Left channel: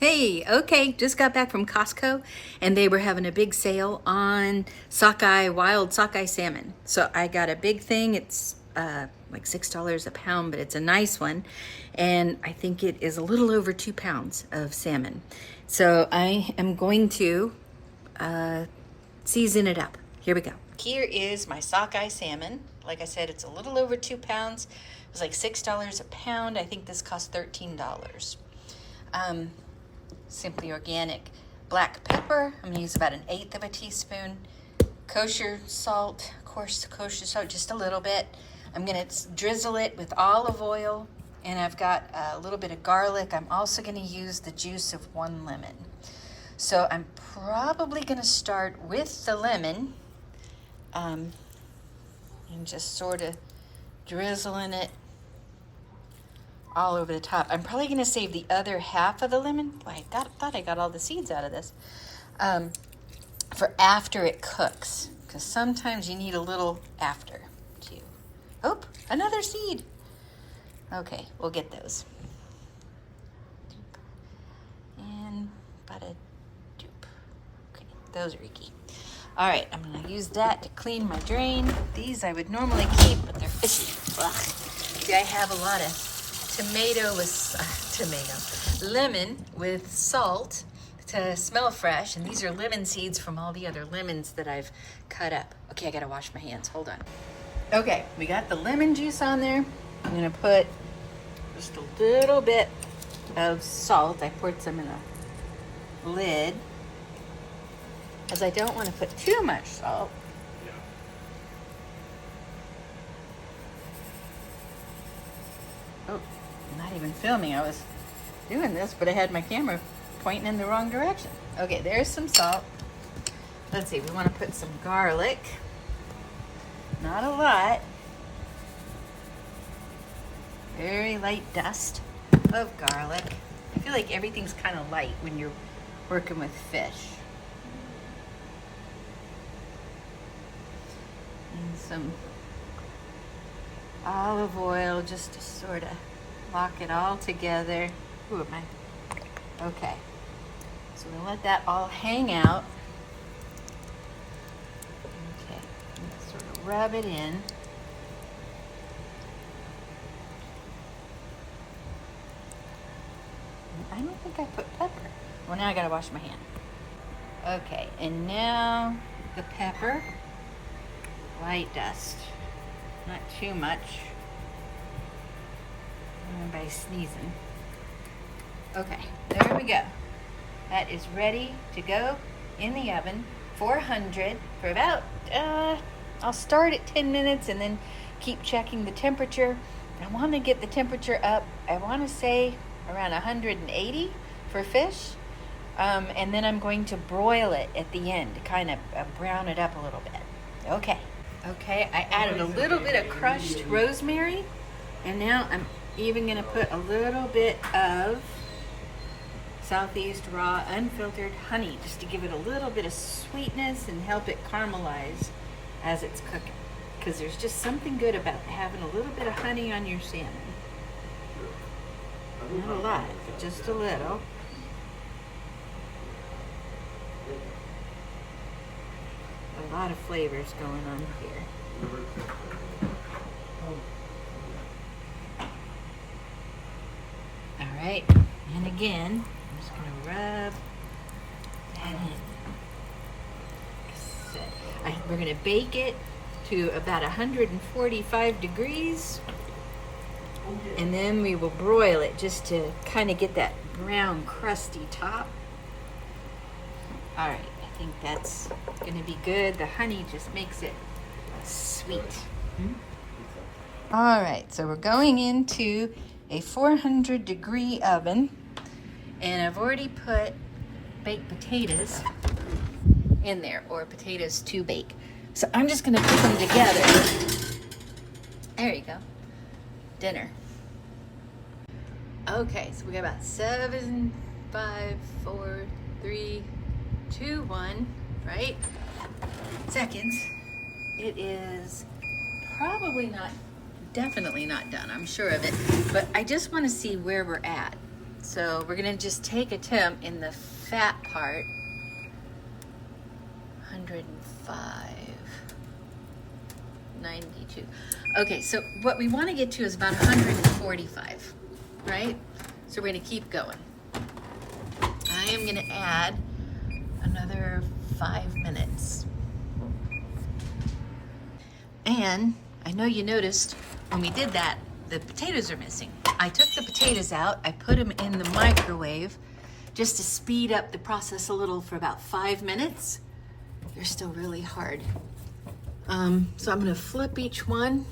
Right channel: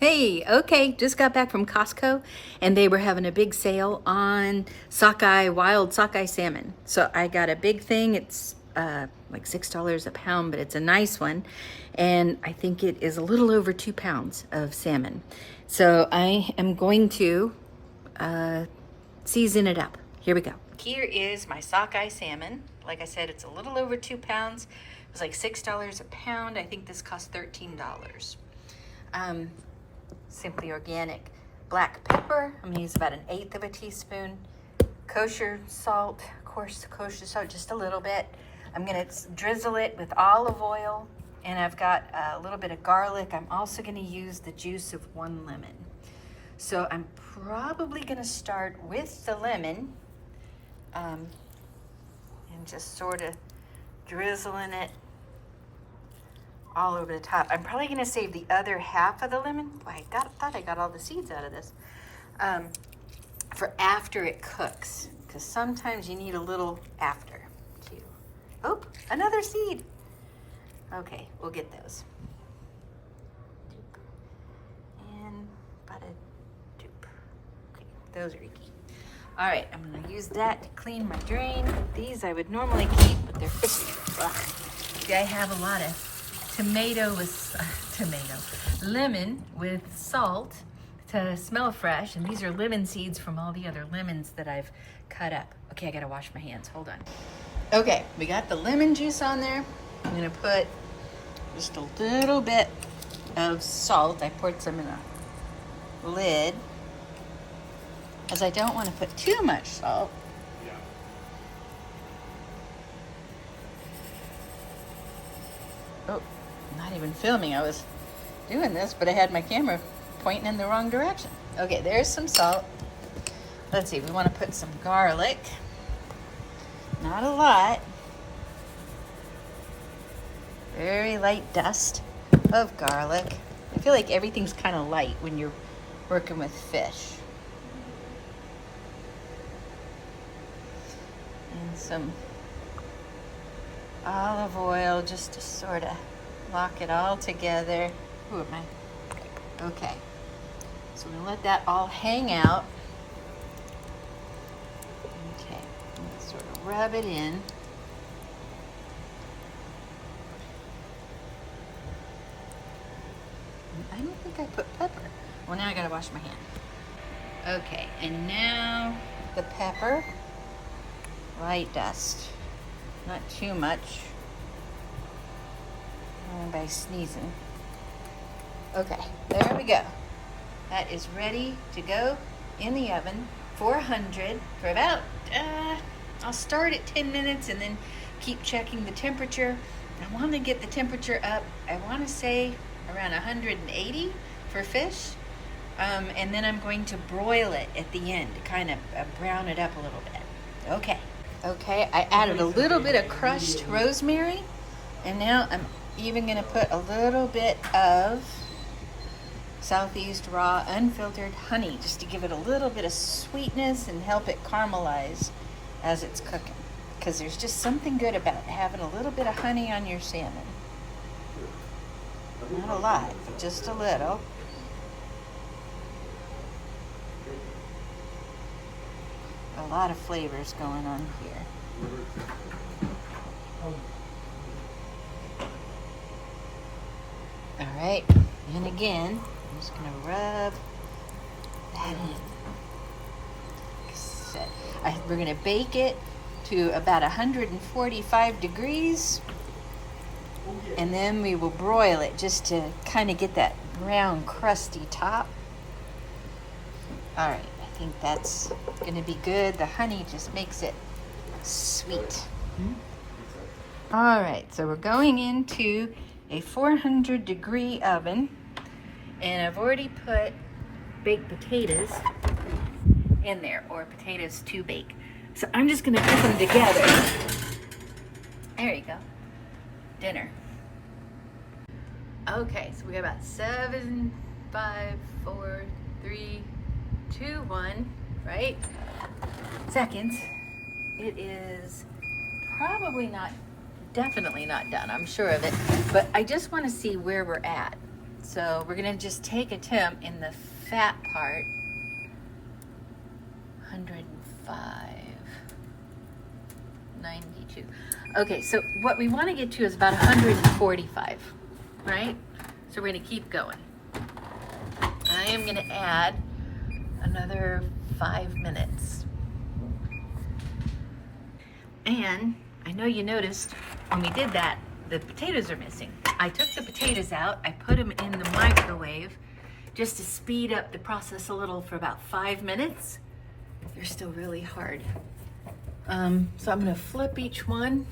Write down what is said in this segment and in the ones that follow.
Hey, okay, just got back from Costco and they were having a big sale on sockeye, wild sockeye salmon. So I got a big thing. It's like $6 a pound, but it's a nice one. And I think it is a little over 2 pounds of salmon. So I am going to season it up. Here we go. Here is my sockeye salmon. Like I said, it's a little over 2 pounds. It was like $6 a pound. I think this cost $13. Simply organic black pepper. I'm gonna use about 1/8 of a teaspoon. Kosher salt, of course, kosher salt, just a little bit. I'm gonna drizzle it with olive oil, and I've got a little bit of garlic. I'm also gonna use the juice of 1 lemon. So I'm probably gonna start with the lemon and just sort of drizzling it all over the top. I'm probably gonna save the other half of the lemon. I thought I got all the seeds out of this for after it cooks, because sometimes you need a little after too. Oh, another seed. Okay, we'll get those. And about a dupe. Okay, those are icky. All right, I'm gonna use that to clean my drain. These I would normally keep, but they're fishy. Ugh. See, I have a lot of lemon with salt to smell fresh, and these are lemon seeds from all the other lemons that I've cut up. Okay, I gotta wash my hands, hold on. Okay, we got the lemon juice on there. I'm gonna put just a little bit of salt. I poured some in a lid, as I don't want to put too much salt. Oh, I'm not even filming. I was doing this, but I had my camera pointing in the wrong direction. Okay, there's some salt. Let's see, we want to put some garlic. Not a lot. Very light dust of garlic. I feel like everything's kind of light when you're working with fish. And some olive oil just to sort of lock it all together. Ooh, am I? Okay. So we're gonna let that all hang out. Okay, sort of rub it in. I don't think I put pepper. Well, now I gotta wash my hand. Okay, and now the pepper. Light dust. Not too much. By sneezing. Okay, there we go. That is ready to go in the oven, 400 for about, I'll start at 10 minutes and then keep checking the temperature. I want to get the temperature up, I want to say around 180 for fish. And then I'm going to broil it at the end to kind of brown it up a little bit. Okay, I added a little bit of crushed rosemary, and now I'm even gonna put a little bit of Southeast raw unfiltered honey, just to give it a little bit of sweetness and help it caramelize as it's cooking. Because there's just something good about having a little bit of honey on your salmon. Not a lot, just a little. A lot of flavors going on here. All right, and again, I'm just gonna rub that in. We're gonna bake it to about 145 degrees, and then we will broil it just to kind of get that brown, crusty top. All right. I think that's gonna be good. The honey just makes it sweet. All right, so we're going into a 400-degree oven, and I've already put baked potatoes in there, or potatoes to bake. So I'm just gonna put them together. There you go, dinner. Okay, so we got about 7, 5, 4, 3, 2, 1, right? Seconds. It is definitely not done, I'm sure of it, but I just want to see where we're at. So we're gonna just take a temp in the fat part, 105, 92. Okay, so what we want to get to is about 145, right? So we're gonna keep going. I am gonna add another 5 minutes. And I know you noticed when we did that, the potatoes are missing. I took the potatoes out, I put them in the microwave just to speed up the process a little for about 5 minutes. They're still really hard. So I'm gonna flip each one,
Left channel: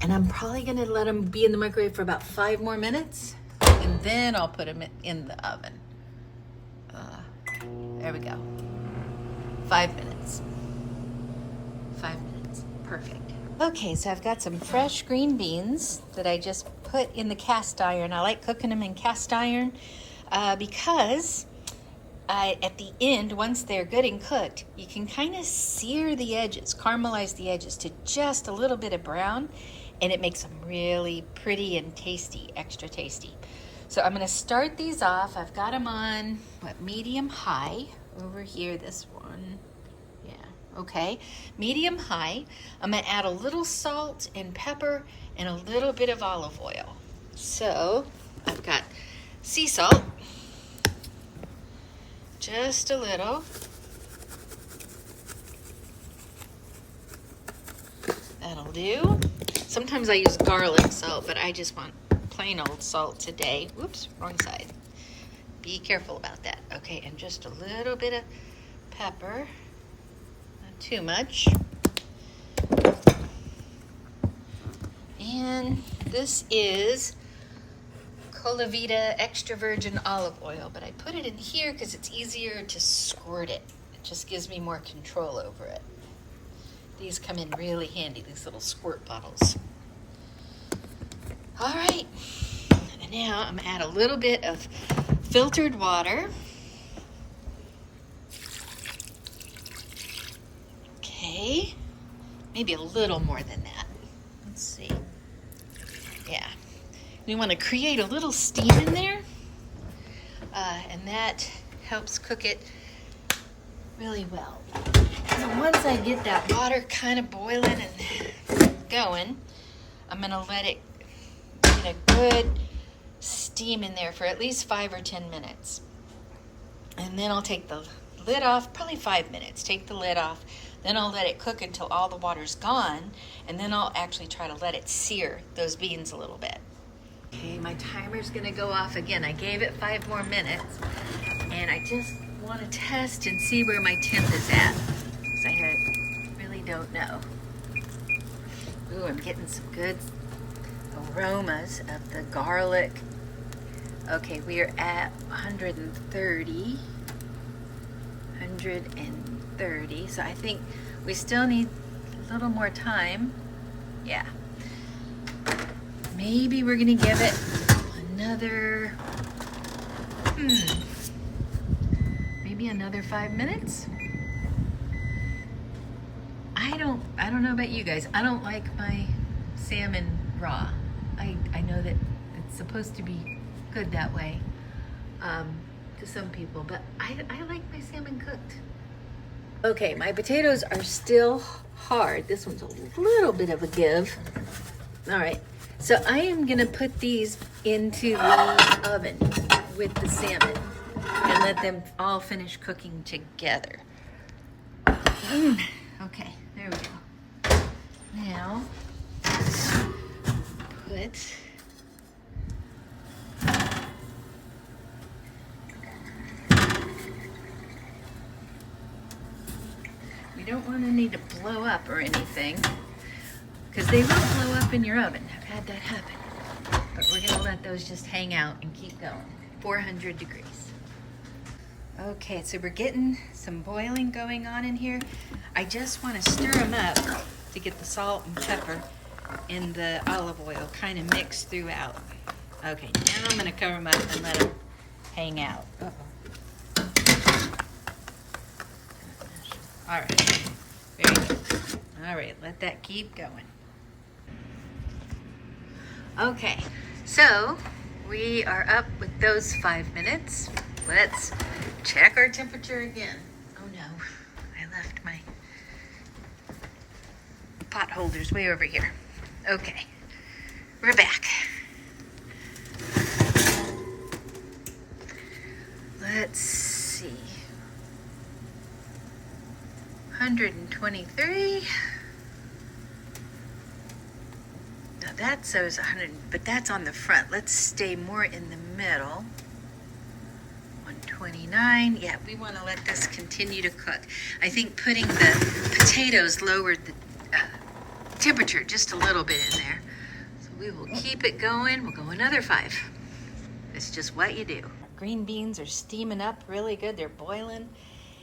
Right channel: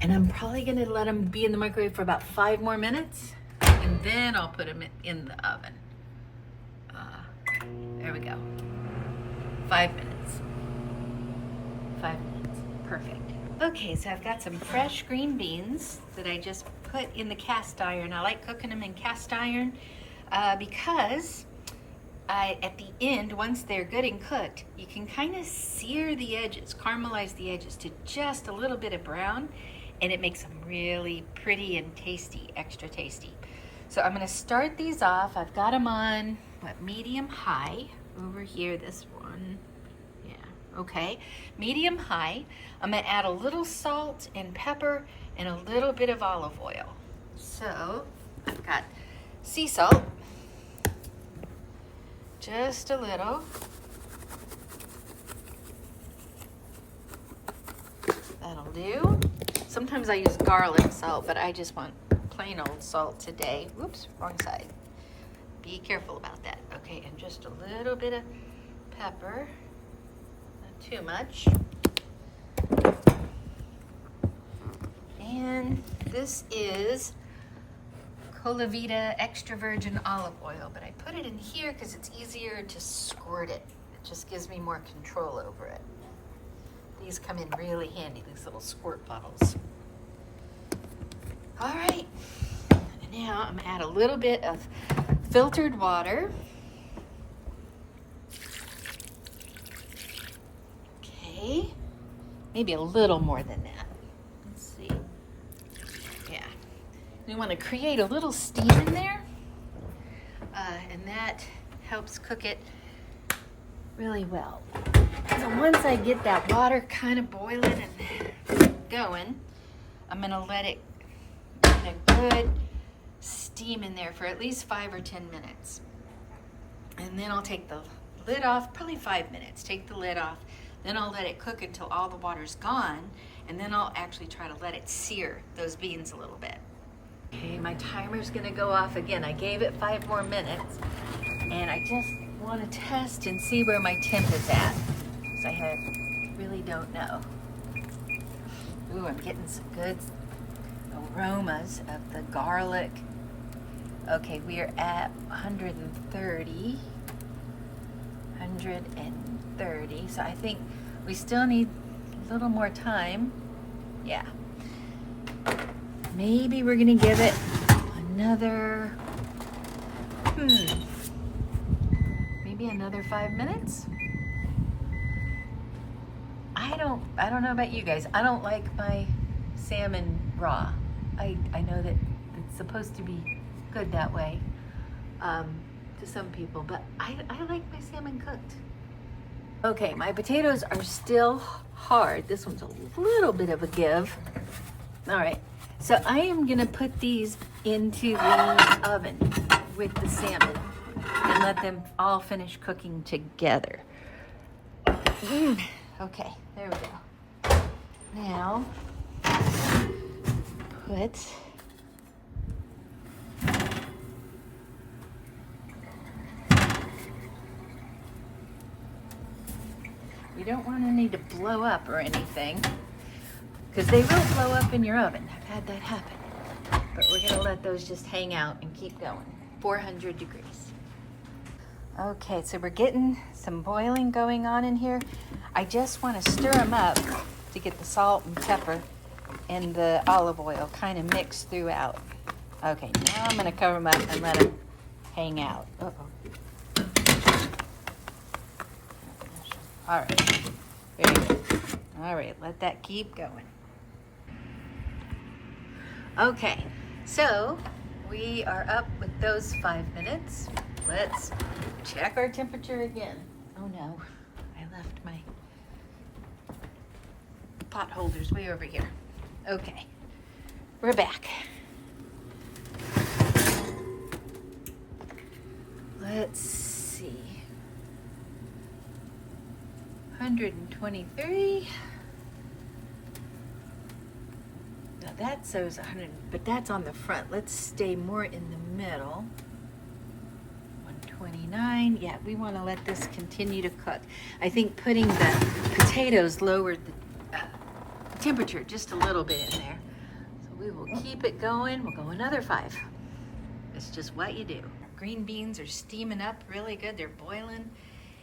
and I'm probably gonna let them be in the microwave for about 5 more minutes, and then I'll put them in the oven. There we go. 5 minutes. 5 minutes, perfect. Okay, so I've got some fresh green beans that I just put in the cast iron. I like cooking them in cast iron because at the end, once they're good and cooked, you can kind of sear the edges, caramelize the edges to just a little bit of brown, and it makes them really pretty and tasty, extra tasty. So I'm gonna start these off. I've got them on, medium high over here, this one. Okay, medium high. I'm gonna add a little salt and pepper and a little bit of olive oil. So I've got sea salt, just a little. That'll do. Sometimes I use garlic salt, but I just want plain old salt today. Whoops, wrong side. Be careful about that. Okay, and just a little bit of pepper. Too much. And this is Colavita extra virgin olive oil, but I put it in here because it's easier to squirt it. It just gives me more control over it. These come in really handy, these little squirt bottles. All right, and now I'm gonna add a little bit of filtered water. Maybe a little more than that. Let's see. Yeah. We want to create a little steam in there, and that helps cook it really well. So once I get that water kind of boiling and going, I'm going to let it get a good steam in there for at least 5 or 10 minutes. And then I'll take the lid off, probably 5 minutes. Take the lid off. Then I'll let it cook until all the water's gone, and then I'll actually try to let it sear those beans a little bit. Okay, my timer's gonna go off again. I gave it 5 more minutes, and I just want to test and see where my temp is at, because I really don't know. Ooh, I'm getting some good aromas of the garlic. Okay, we are at 130. So I think we still need a little more time. Yeah. Maybe we're gonna give it another, maybe another 5 minutes. I don't know about you guys. I don't like my salmon raw. I know that it's supposed to be good that way to some people, but I like my salmon cooked. Okay, my potatoes are still hard. This one's a little bit of a give. All right, so I am gonna put these into the oven with the salmon and let them all finish cooking together. Okay, there we go. Now, put don't want to need to blow up or anything, because they will blow up in your oven. I've had that happen. But we're going to let those just hang out and keep going. 400 degrees. Okay, so we're getting some boiling going on in here. I just want to stir them up to get the salt and pepper and the olive oil kind of mixed throughout. Okay, now I'm going to cover them up and let them hang out. Uh-oh. All right, there you go. All right, let that keep going. Okay, so We are up with those 5 minutes. Let's check our temperature again. Oh no, I left my pot holders way over here. Okay, we're back. Let's see. 123. Now that shows 100, but that's on the front. Let's stay more in the middle. 129. Yeah, we want to let this continue to cook. I think putting the potatoes lowered the temperature just a little bit in there. So we will keep it going. We'll go another 5. It's just what you do. Green beans are steaming up really good. They're boiling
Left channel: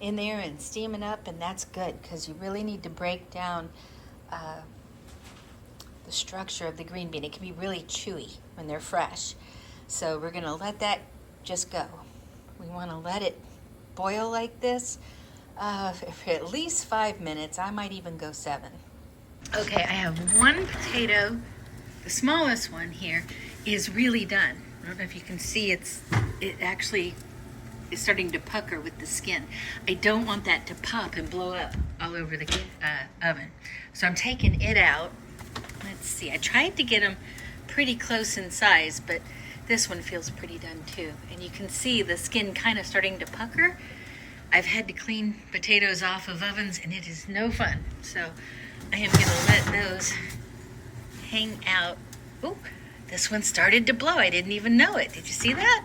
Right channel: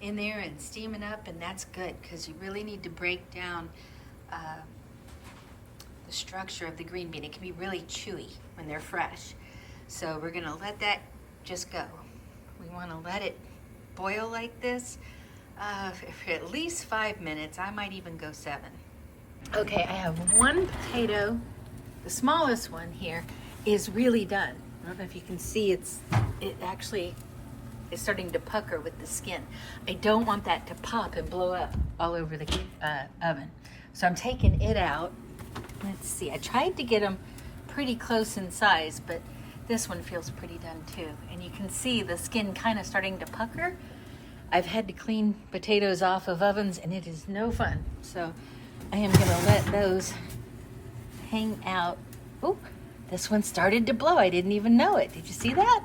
in there and steaming up, and that's good because you really need to break down the structure of the green bean. It can be really chewy when they're fresh. So we're gonna let that just go. We wanna let it boil like this for at least 5 minutes. I might even go 7. Okay, I have one potato. The smallest one here is really done. I don't know if you can see it actually is starting to pucker with the skin. I don't want that to pop and blow up all over the oven. So I'm taking it out. Let's see, I tried to get them pretty close in size, but this one feels pretty done too. And you can see the skin kind of starting to pucker. I've had to clean potatoes off of ovens and it is no fun. So I am gonna let those hang out. Oh, this one started to blow. I didn't even know it. Did you see that?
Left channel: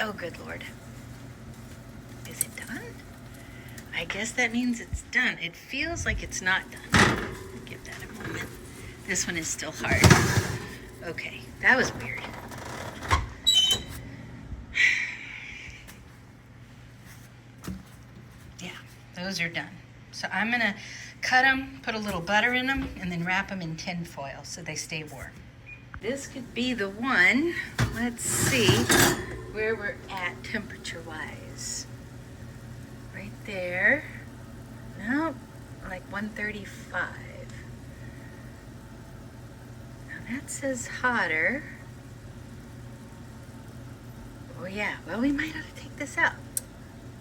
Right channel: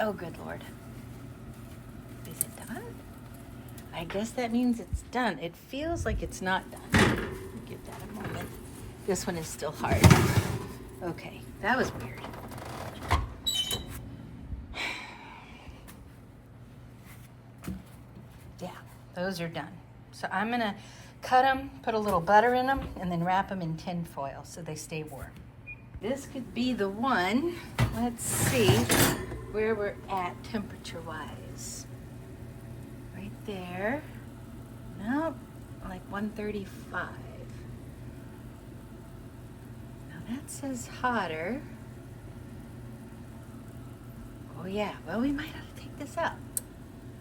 Oh, good Lord. Is it done? I guess that means it's done. It feels like it's not done. Give that a moment. This one is still hard. Okay, that was weird. Yeah, those are done. So I'm gonna cut them, put a little butter in them, and then wrap them in tin foil so they stay warm. This could be the one. Let's see where we're at temperature-wise. Right there. Nope, like 135. Now that says hotter. Oh yeah, well we might have to take this out.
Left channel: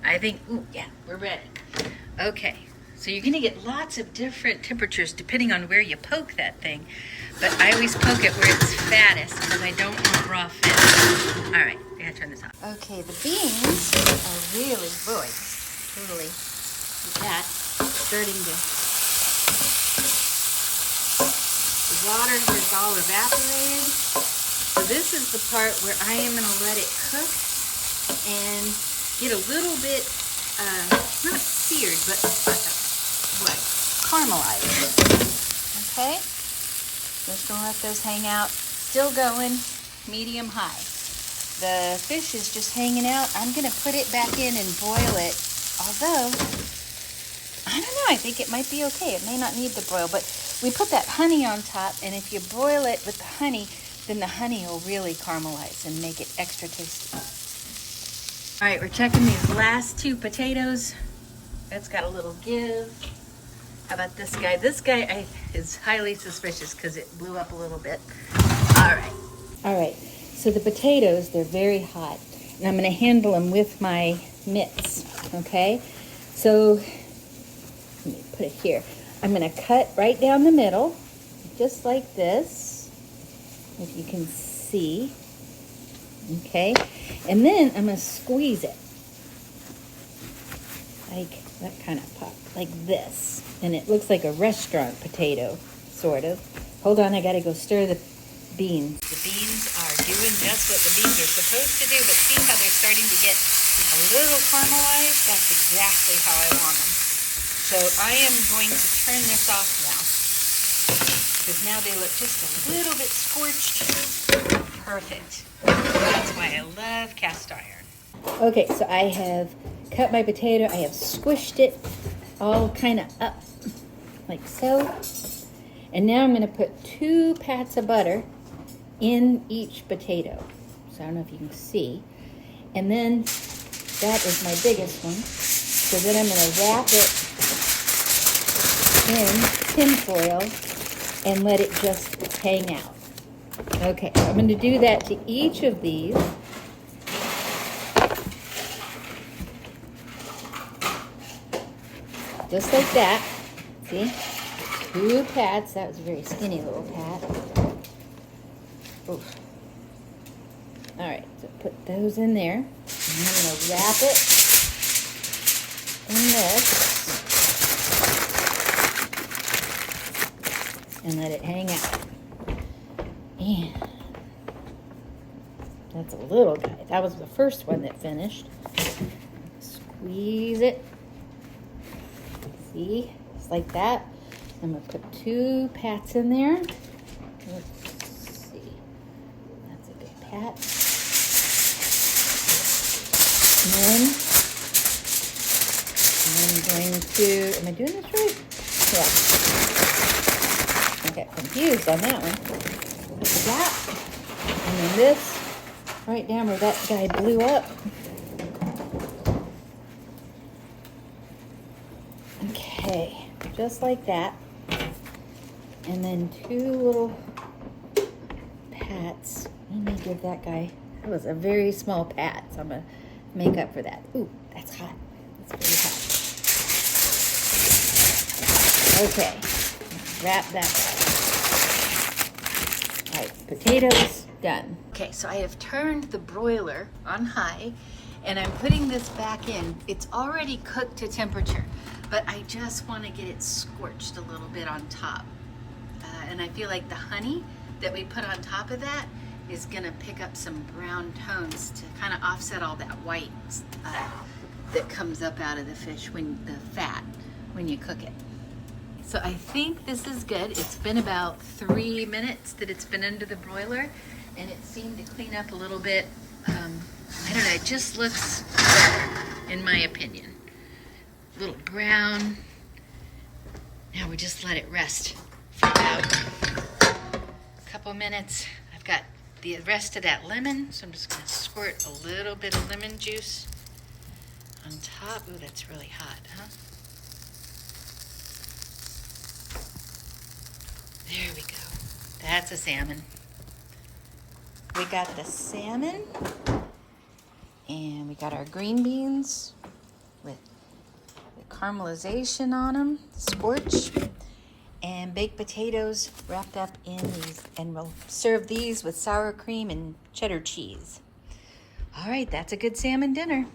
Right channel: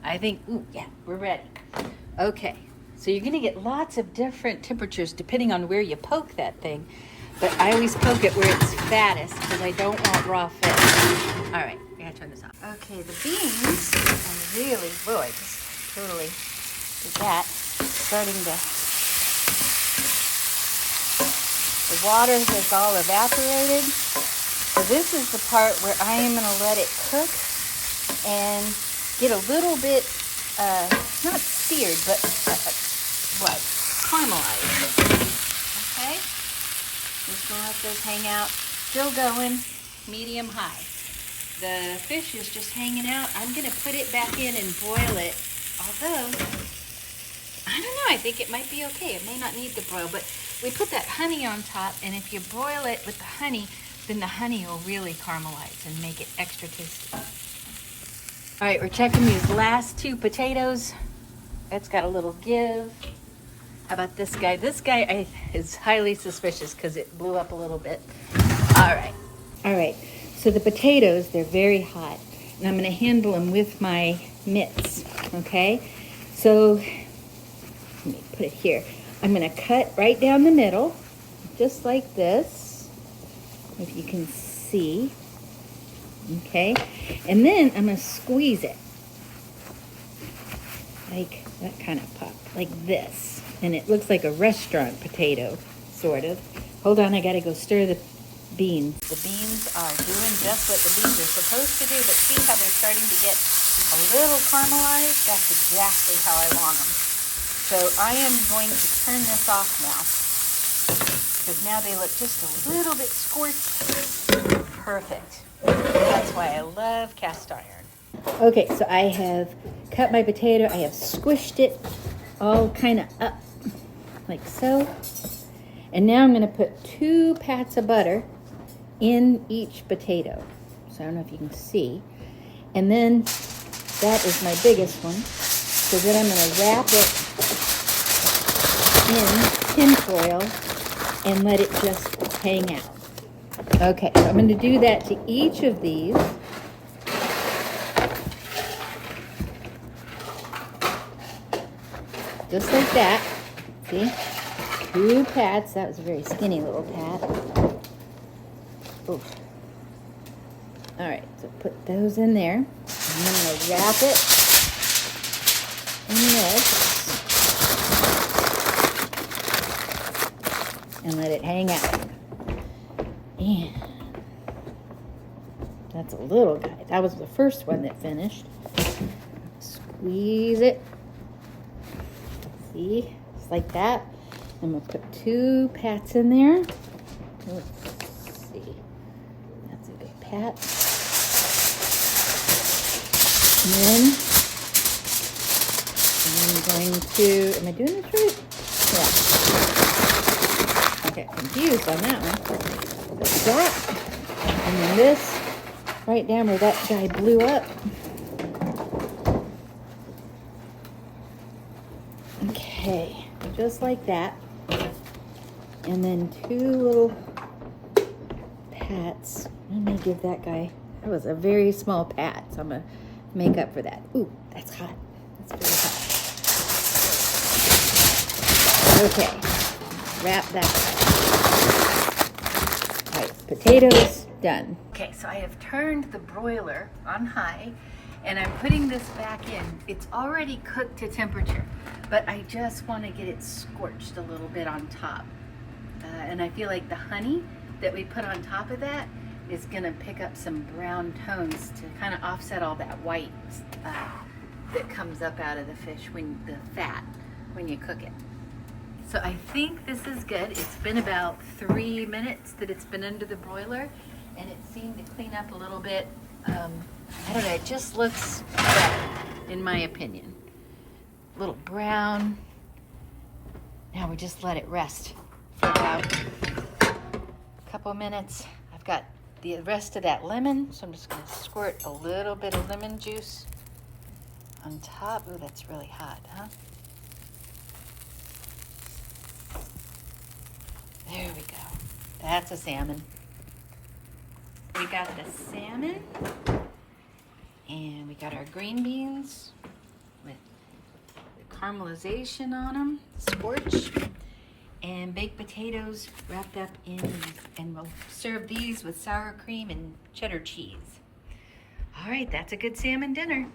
I think, ooh, yeah, we're ready. Okay, so you're gonna get lots of different temperatures depending on where you poke that thing. But I always poke it where it's fattest because I don't want raw fish. All right, I gotta turn this off. Okay, the beans are really, boy, totally with that starting to, the water has all evaporated. So this is the part where I am gonna let it cook and get a little bit, not seared, but caramelized, okay? Just gonna let those hang out. Still going, medium high. The fish is just hanging out. I'm gonna put it back in and boil it. Although, I don't know, I think it might be okay. It may not need to boil, but we put that honey on top, and if you boil it with the honey, then the honey will really caramelize and make it extra tasty. All right, we're checking these last 2 potatoes. That's got a little give. How about this guy? This guy is highly suspicious because it blew up a little bit. All right, so the potatoes, they're very hot. And I'm gonna handle them with my mitts, okay? So, let me put it here. I'm gonna cut right down the middle, just like this, if you can see, okay? And then I'm gonna squeeze it, like that kind of pop, like this. And it looks like a restaurant potato, sort of. Hold on, I gotta go stir the beans. The beans are doing just what the beans are supposed to do, but see how they're starting to get a little caramelized? That's exactly how I want them. So I am going to turn this off now, because now they look just a little bit scorched. Perfect. That's why I love cast iron. Okay, so I have cut my potato. I have squished it all kind of up like so. And now I'm going to put 2 pats of butter in each potato. So I don't know if you can see. And then that is my biggest one. So then I'm going to wrap it in tin foil and let it just hang out. Okay, so I'm going to do that to each of these. Just like that. See? 2 pats. That was a very skinny little pat. Oof. All right, so put those in there. And I'm going to wrap it in this and let it hang out. And that's a little guy. That was the first one that finished. Squeeze it. See? Just like that. I'm going to put 2 pats in there. Let's see. That's a good pat. And then I'm going to, am I doing this right? Yeah. I got confused on that one. Like that. And then this, right down where that guy blew up. Okay, just like that. And then 2 little pats. Let me give that guy, that was a very small pat, so I'm going to make up for that. Ooh, that's hot. That's very hot. Okay, wrap that up. All right, potatoes done. Okay, so I have turned the broiler on high and I'm putting this back in. It's already cooked to temperature, but I just want to get it scorched a little bit on top. And I feel like the honey that we put on top of that is gonna pick up some brown tones to kind of offset all that white that comes up out of the fish, when the fat, when you cook it. So I think this is good. It's been about 3 minutes that it's been under the broiler, and it seemed to clean up a little bit. I don't know, it just looks better, in my opinion. A little brown. Now we just let it rest for about a couple minutes. I've got the rest of that lemon, so I'm just gonna squirt a little bit of lemon juice on top. Ooh, that's really hot, huh? There we go. That's a salmon. We got the salmon, and we got our green beans with the caramelization on them, scorch, and baked potatoes wrapped up in these. And we'll serve these with sour cream and cheddar cheese. All right, that's a good salmon dinner.